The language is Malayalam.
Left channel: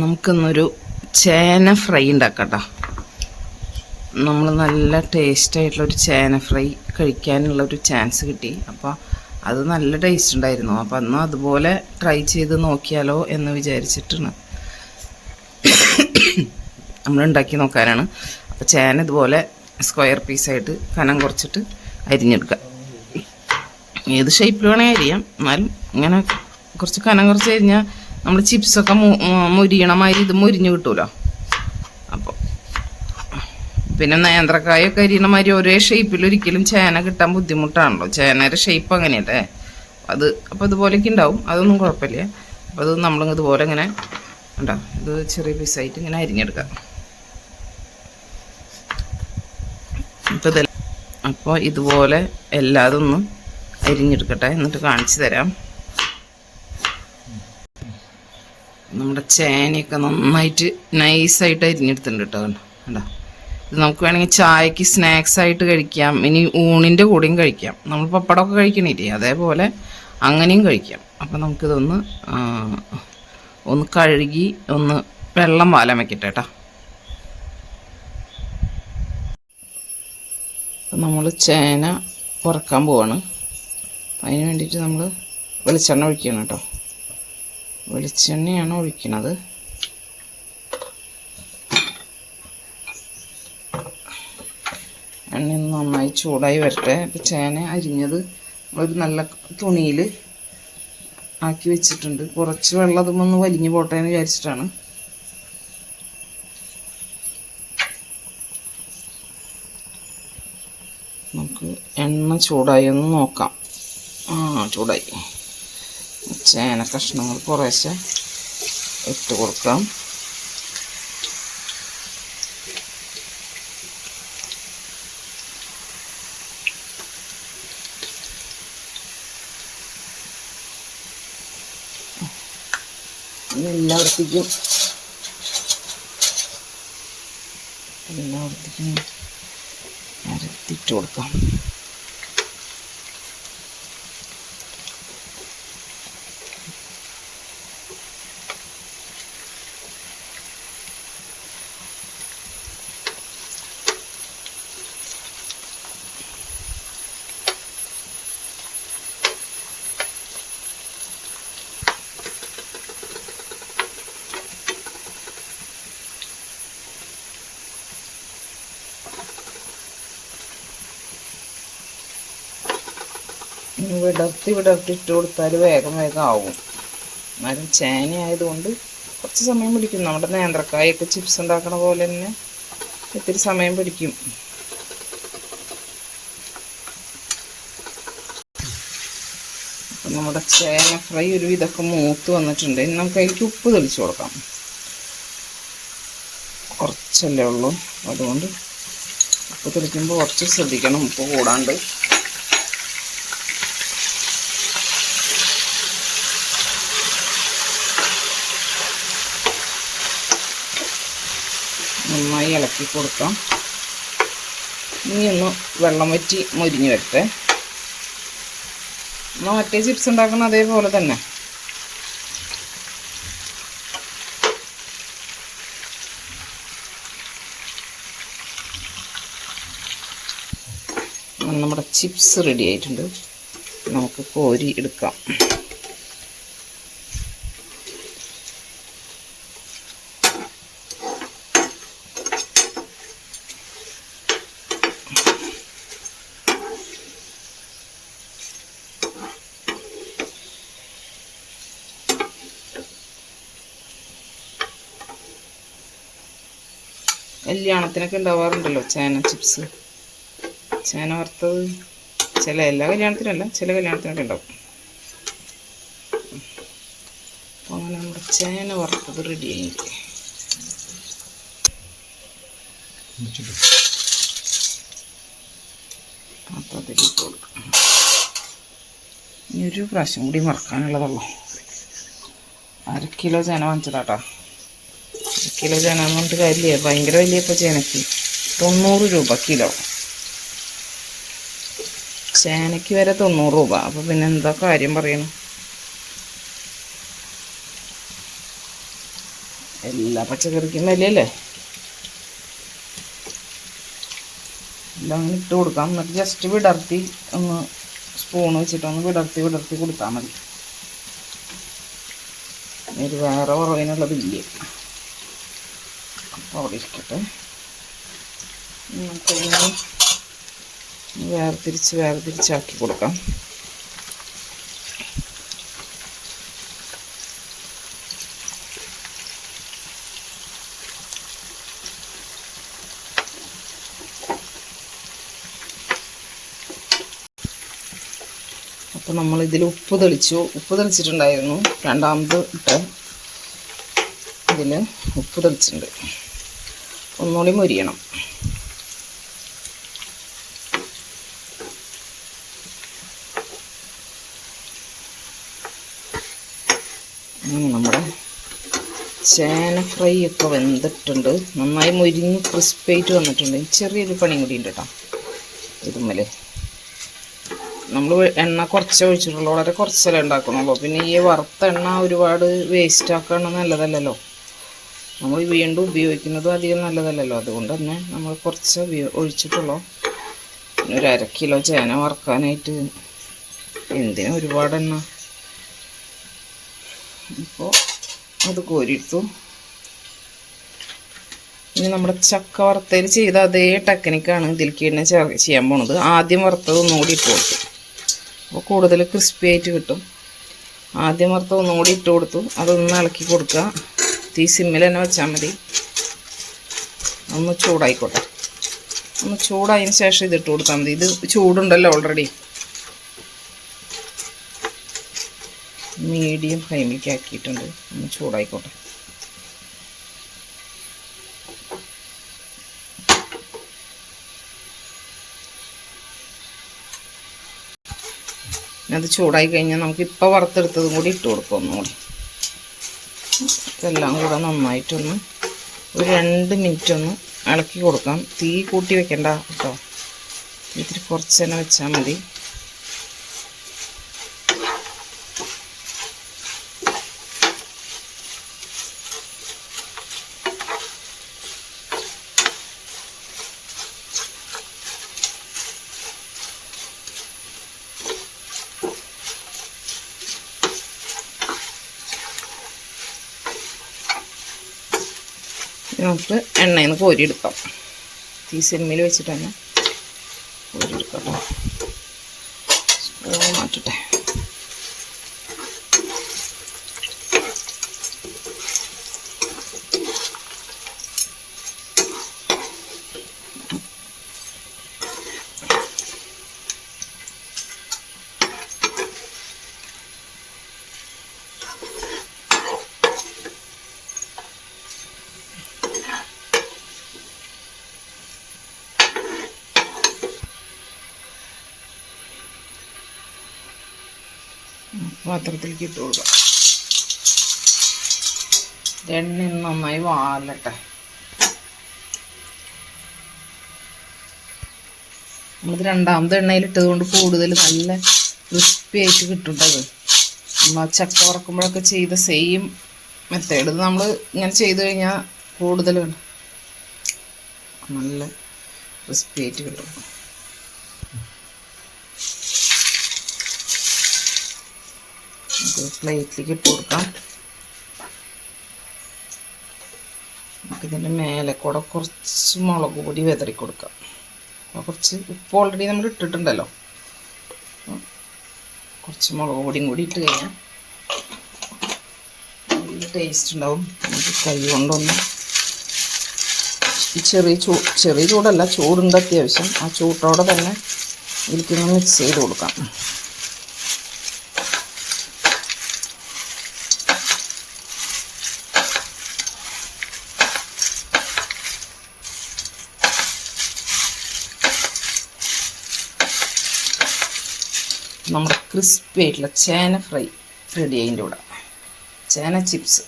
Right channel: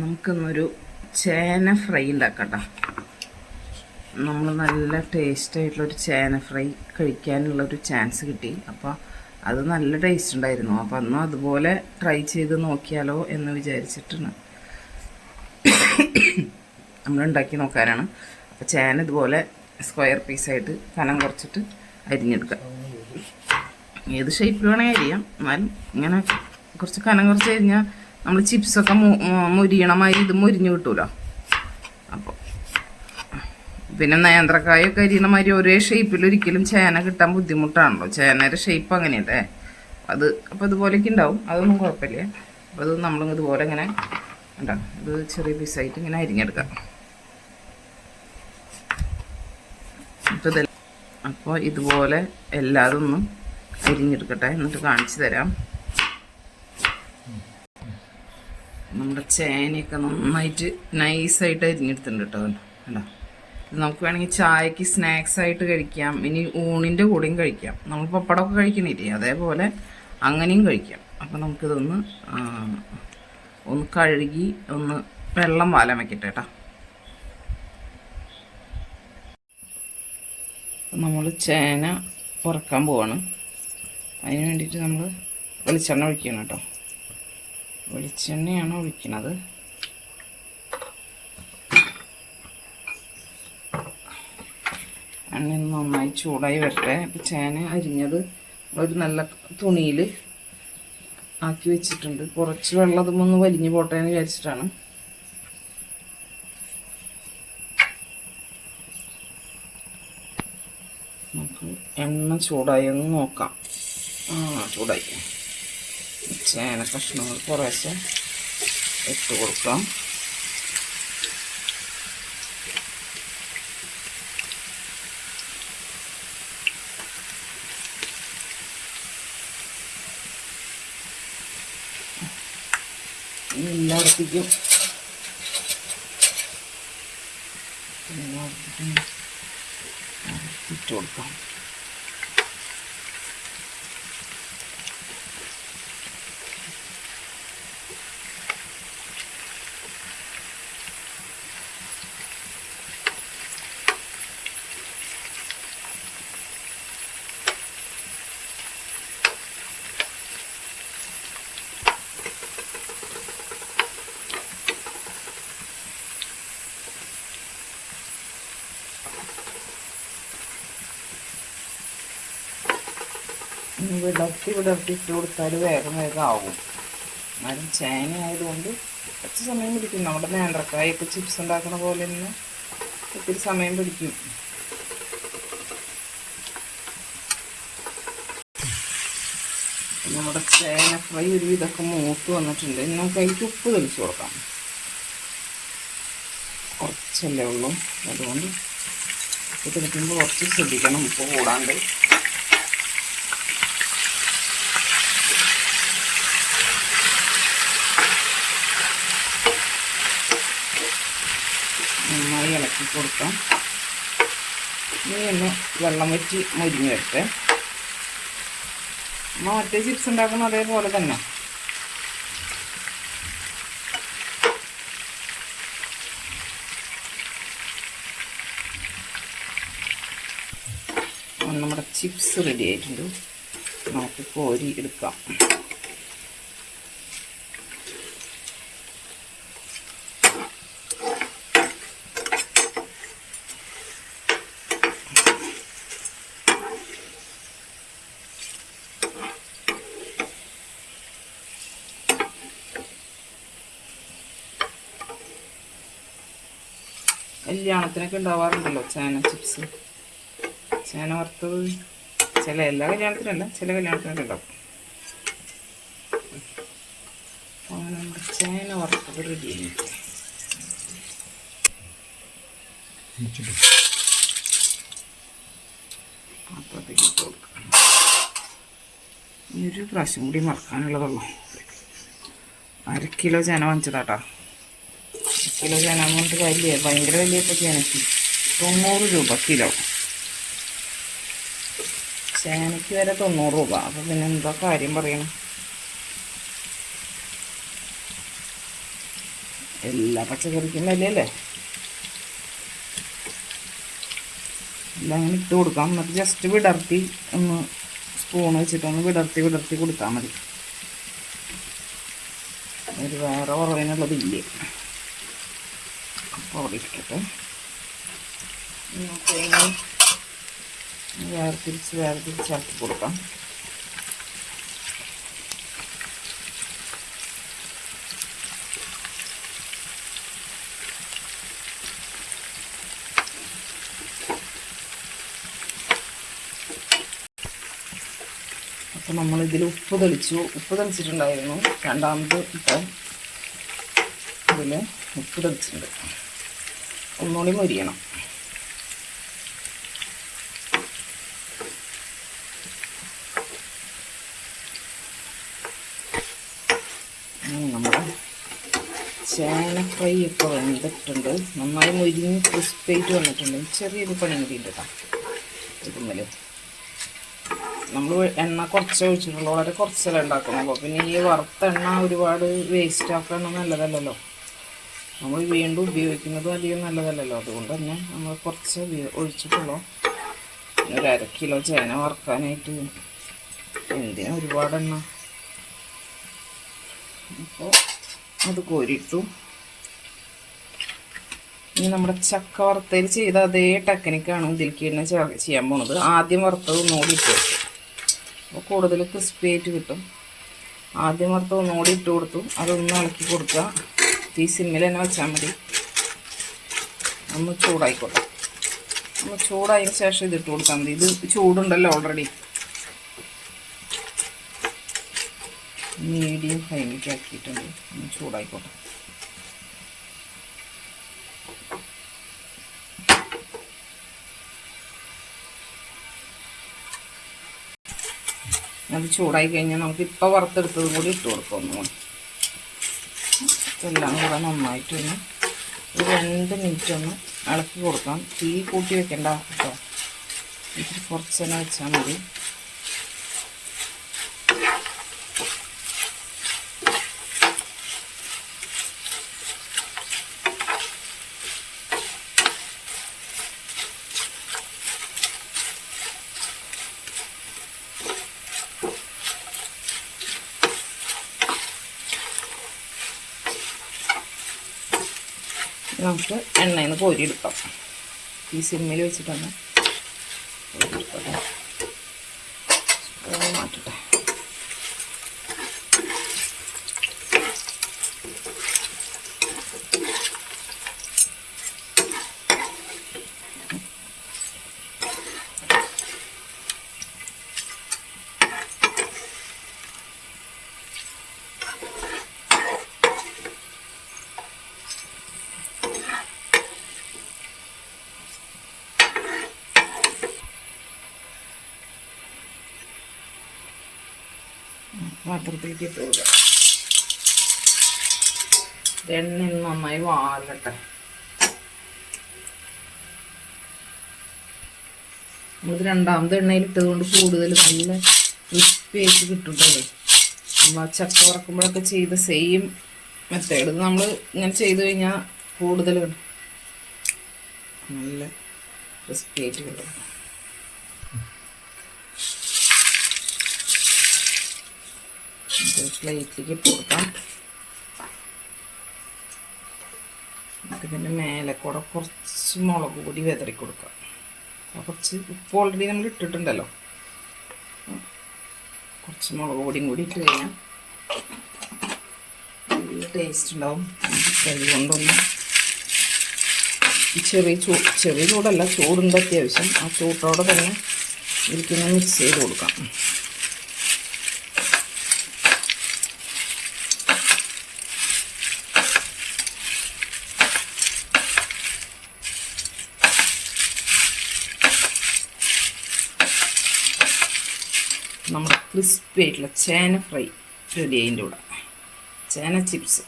നമുക്കിന്നൊരു ചേന ഫ്രൈ ഉണ്ടാക്കാം കേട്ടോ നമ്മൾ നല്ല ടേസ്റ്റ് ആയിട്ടുള്ള ഒരു ചേന ഫ്രൈ കഴിക്കാനുള്ളൊരു ചാൻസ് കിട്ടി. അപ്പോൾ അത് നല്ല ടേസ്റ്റ് ഉണ്ടായിരുന്നു. അപ്പോൾ അന്ന് അതുപോലെ ട്രൈ ചെയ്ത് നോക്കിയാലോ എന്ന് വിചാരിച്ചിട്ടാണ് നമ്മൾ ഉണ്ടാക്കി നോക്കാനാണ്. അപ്പോൾ ചേന ഇതുപോലെ സ്ക്വയർ പീസായിട്ട് കനം കുറച്ചിട്ട് അരിഞ്ഞെടുക്കുക ഏത് ഷേപ്പിൽ വേണമെങ്കിൽ അരിയാം. എന്നാലും ഇങ്ങനെ കുറച്ച് കനം കുറച്ച് കഴിഞ്ഞാൽ നമ്മൾ ചിപ്സൊക്കെ മുരിയണമായി ഇത് മുരിഞ്ഞ് കിട്ടൂലോ? അപ്പോൾ പിന്നെ നേന്ത്രക്കായൊക്കെ അരിയണമാതിരി ഒരേ ഷേപ്പിൽ ഒരിക്കലും ചേന കിട്ടാൻ ബുദ്ധിമുട്ടാണല്ലോ. ചേനയുടെ ഷേപ്പ് അങ്ങനെയല്ലേ? അത് അപ്പോൾ ഇതുപോലെയൊക്കെ ഉണ്ടാവും. അതൊന്നും കുഴപ്പമില്ല. അപ്പോൾ അത് നമ്മൾ ഇതുപോലെ ഇങ്ങനെ ഉണ്ടാവും ഇത് ചെറിയ പീസായിട്ട് ഇങ്ങനെ അരിഞ്ഞെടുക്കാം. അപ്പോൾ അപ്പോൾ ഇതുപോലെ എല്ലാതൊന്നും അരിഞ്ഞെടുക്കട്ടെ. എന്നിട്ട് കാണിച്ചു തരാം. നമ്മുടെ ചേനയൊക്കെ നന്നായിട്ട് നൈസായിട്ട് അരിഞ്ഞെടുത്തിട്ടുണ്ട് കേട്ടോ. കണ്ടോ? ഇത് നമുക്ക് വേണമെങ്കിൽ ചായക്ക് സ്നാക്സ് ആയിട്ട് കഴിക്കാം. ഇനി ഊണിന്റെ കൂടെയും കഴിക്കാം. നമ്മൾ പപ്പടമൊക്കെ കഴിക്കണില്ലേ? അതേപോലെ അങ്ങനെയും കഴിക്കാം. അപ്പം നമുക്കിതൊന്ന് ഒന്ന് കഴുകി ഒന്ന് വെള്ളം വാലം വയ്ക്കട്ടെ കേട്ടോ. നമ്മൾ ചേന വറക്കാൻ പോവാണ്. അതിന് വേണ്ടിയിട്ട് നമ്മൾ വെളിച്ചെണ്ണ ഒഴിക്കണം കേട്ടോ. വെളിച്ചെണ്ണയാണ് ഒഴിക്കണത് എണ്ണ നന്നായി ചൂടായി വരട്ടെ. അപ്പോൾ ചേന അരിഞ്ഞത് ഒരു നല്ല തുണിയിൽ ആക്കി വെച്ചിട്ടുണ്ട്. കുറച്ച് വെള്ളം അതുമൊന്ന് വലിഞ്ഞു പോട്ടെ എന്ന് വിചാരിച്ചിട്ടാണ്. നമുക്ക് എണ്ണ ചൂടായി ഒന്ന് നോക്കാം. ആ ചൂടായി. ചേന കഷ്ണങ്ങൾ കുറേശ്ശെ ഇട്ട് കൊടുക്കാം. എല്ലായിടത്തേക്കും എല്ലായിടത്തേക്കും അരത്തിട്ട് കൊടുക്കാം. വിടർത്തി വിടർത്തി ഇട്ട് കൊടുത്താൽ വേഗം വേഗം ആവും. എന്നാലും ചേന ആയതുകൊണ്ട് കുറച്ച് സമയം പിടിക്കും. നമ്മുടെ നേന്ത്രക്കായൊക്കെ ചിപ്സ് ഉണ്ടാക്കണ പോലെ തന്നെ ഒത്തിരി സമയം പിടിക്കും. നമ്മുടെ ചേന ഫ്രൈ ഒരു ഇതൊക്കെ മൂത്ത് വന്നിട്ടുണ്ട്. ഇനി നമുക്ക് അതിലേക്ക് ഉപ്പ് തെളിച്ച് കൊടുക്കാം. കുറച്ചല്ലേ ഉള്ളൂ. അതുകൊണ്ട് ഉപ്പ് തെളിക്കുമ്പോൾ കുറച്ച് ശ്രദ്ധിക്കണം. ഉപ്പ് കൂടാണ്ട് നന്നായി ഇളക്കി കൊടുക്കാം. ഇനി ഒന്ന് വെള്ളം വറ്റി മുരിഞ്ഞ് വരട്ടെ എന്നാൽ മറ്റേ ചിപ്സ് ഉണ്ടാക്കുന്ന അതേപോലെ തന്നെ. നമ്മുടെ ചിപ്സ് റെഡി ആയിട്ടുണ്ട്. നമുക്ക് കോരി എടുക്കാം. കല്യാണത്തിനൊക്കെ ഉണ്ടാവാറുണ്ടല്ലോ ചേന ചിപ്സ് ചേന വറുത്തത് ചില എല്ലാ കല്യാണത്തിനല്ല ചില കല്യാണത്തിനൊക്കെ ഉണ്ടാവും. ചേന വറുത്തത് റെഡി ഇനി ഒരു പ്രാവശ്യം കൂടി മറക്കാനുള്ളതുള്ളൂ അര കിലോ ചേന വാങ്ങിച്ചതാട്ടാ. കിലോ ചേന എന്ന് പറഞ്ഞിട്ട് കാര്യമില്ല. ഭയങ്കര വലിയ ചേനയ്ക്ക് തൊണ്ണൂറ് രൂപ കിലോ. ചേനയ്ക്ക് വരെ തൊണ്ണൂറ് രൂപ. അപ്പോൾ പിന്നെ എന്താ കാര്യം പറയണം? എല്ലാ പച്ചക്കറിക്കും വിലയല്ലേ? എല്ലാം അങ്ങനെ ഇട്ട് കൊടുക്കാം. എന്നിട്ട് ജസ്റ്റ് വിടർത്തി ഒന്ന് സ്പൂൺ വെച്ചിട്ടൊന്ന് വിടർത്തി വിടർത്തി കൊടുത്താൽ മതി. ഒരു വേറെ കുറവിനുള്ളതില്ലേ? അവിടെ ഇരിക്കട്ടെ. നമുക്കിനി വേർതിരിച്ച് വേർതിരിച്ചാക്കി കൊടുക്കാം. അപ്പോൾ നമ്മൾ ഇതിൽ ഉപ്പ് തെളിച്ചു. ഉപ്പ് തെളിച്ചിട്ടുണ്ടായിരുന്നു. രണ്ടാമത് ഇട്ട് ഇതിൽ ഉപ്പ് തെളിച്ചിട്ടുണ്ട്. ഒന്നുകൂടി മൊരിയണം. നമ്മുടെ ചേന ഫ്രൈ ഒക്കെ വെന്തിട്ടുണ്ട്. നന്നായി മൊരിഞ്ഞ് ക്രിസ്പായിട്ട് വന്നിട്ടുണ്ട്. ചെറിയൊരു പണി കൂടി ഉണ്ട് കേട്ടോ. ഇതുമ്മൽ. നമ്മൾ എണ്ണ കുറച്ച് ഒഴിച്ചിട്ടുള്ളൂ. വളരെ കുറച്ചല്ലേ ഉണ്ടാക്കുന്നുള്ളൂ. പിന്നെ ഈ വറുത്ത എണ്ണ ഒരുപാട് വേസ്റ്റ് ആക്കണം നല്ലതല്ലല്ലോ. നമ്മൾ വീണ്ടും ഉപയോഗിക്കുന്നത് അധികം നല്ലതല്ലല്ലോ. അതുകൊണ്ട് തന്നെ നമ്മൾ കുറച്ച് ഒഴിച്ചിട്ടുള്ളൂ. ഒരു അര കിലോ ചേന വറുക്കാനായിട്ട് എന്തിനും ഒരുപാട് എണ്ണ? അപ്പോൾ അത് കോരിയിട്ടു. ഇനി നമ്മുടെ ചക്ക വറുത്തതിൽ ചെയ്ത അതേ ടെക്നിക്കാണ് ഇതിലേക്ക് തന്നെ ചെയ്യാൻ പോണത്. ആദ്യം വറുത്തത് ഒന്നുകൂടി ഇട്ട് കൊടുത്തു. അപ്പോൾ കൂടുതൽ ക്രിസ്പി ആയിട്ട് കിട്ടും. ആദ്യം വറുത്തത് ഒന്നുകൂടി ഇട്ട് കൊടുത്തു. അതൊന്ന് ഇളക്കി കൊടുക്കുക. തീ സിമ്മിൽ തന്നെ വെച്ചാൽ മതി. ഒന്ന് ചൂടായിക്കോട്ടെ. ഒന്ന് ചൂടായതിന് ശേഷം ഇതിട്ട് കൊടുത്താൽ മതി. ഇത് ചൂടുണ്ടല്ലോ ഓൾറെഡി മീഡിയം ഫ്ലെയിമിലേക്ക് ആക്കിയിട്ടുണ്ട്. ഒന്ന് ചൂടായിക്കോട്ടെ. അത് ചൂടായി കഴിഞ്ഞാൽ നമുക്ക് ഇപ്പോൾ വറുത്തെടുത്തതും കൂടി ഇട്ട് കൊടുക്കാം ഒന്നുകൂടി. ഇതെല്ലാം കൂടെ നന്നായിട്ടൊന്ന് ഒരു രണ്ട് മിനിറ്റ് ഒന്ന് ഇളക്കി കൊടുക്കാം. തീ കൂട്ടി വെക്കണ്ട കേട്ടോ. ഇത്തിരി കുറച്ച് തന്നെ വെച്ചാൽ മതി. നമുക്ക് എണ്ണയിൽ നിന്ന് കോരിയെടുക്കാം. ഈ സിമ്മിൽ വെച്ചിട്ടാണ് കോരിയെടുക്കാം. സ്പൂൺ മാറ്റട്ടെ. പാത്രത്തിലേക്ക് ഇട്ട് കൊടുക്കാം എണ്ണ നന്നായി വാലട്ടെ നമ്മളിത് രണ്ടാമത് എണ്ണയിലിട്ടത് കൊണ്ട് കൂടുതൽ നല്ല ക്രിസ്പി ആയിട്ട് കിട്ടുണ്ടത് നമ്മൾ ചക്ക വറക്കുമ്പോഴൊക്കെ ചെയ്ത സെയിം മെത്തേഡ് നമ്മൾ ഇങ്ങനെ ചെയ്ത് കഴിഞ്ഞാൽ കൂടുതൽ നല്ല ക്രിസ്പി ആയിട്ട് കിട്ടും. ഇത് പ്ലേറ്റിലേക്ക് ഇട്ട് കൊടുക്കാം മേലെ കൂടെ കുറച്ച് മുളക് പൊടി വിതറി കൊടുക്കാം. കുറച്ച് ഉപ്പ് ഓൾറെഡി നമ്മൾ ഇട്ടിട്ടുണ്ടല്ലോ. കുറച്ച് മുളക് പൊടിയും കൂടി ഇട്ട് കഴിഞ്ഞാൽ ടേസ്റ്റ് ഉണ്ടാവും. കൈ കൊണ്ടൊന്ന് ഈ ചെറിയ ചൂ ചെറിയ ചൂടല്ല ചൂടുണ്ട് അത്യാവശ്യം. ആ ചൂട്ടോടെ തന്നെ ഇതിലേക്കൊന്ന് മിക്സ് ചെയ്ത് കൊടുക്കാം. നമ്മുടെ ക്രിസ്പി ആയിട്ടുള്ള ചേന ഫ്രൈ റെഡി അതിന്റെ കൂടെ. ചേന ചിപ്സ്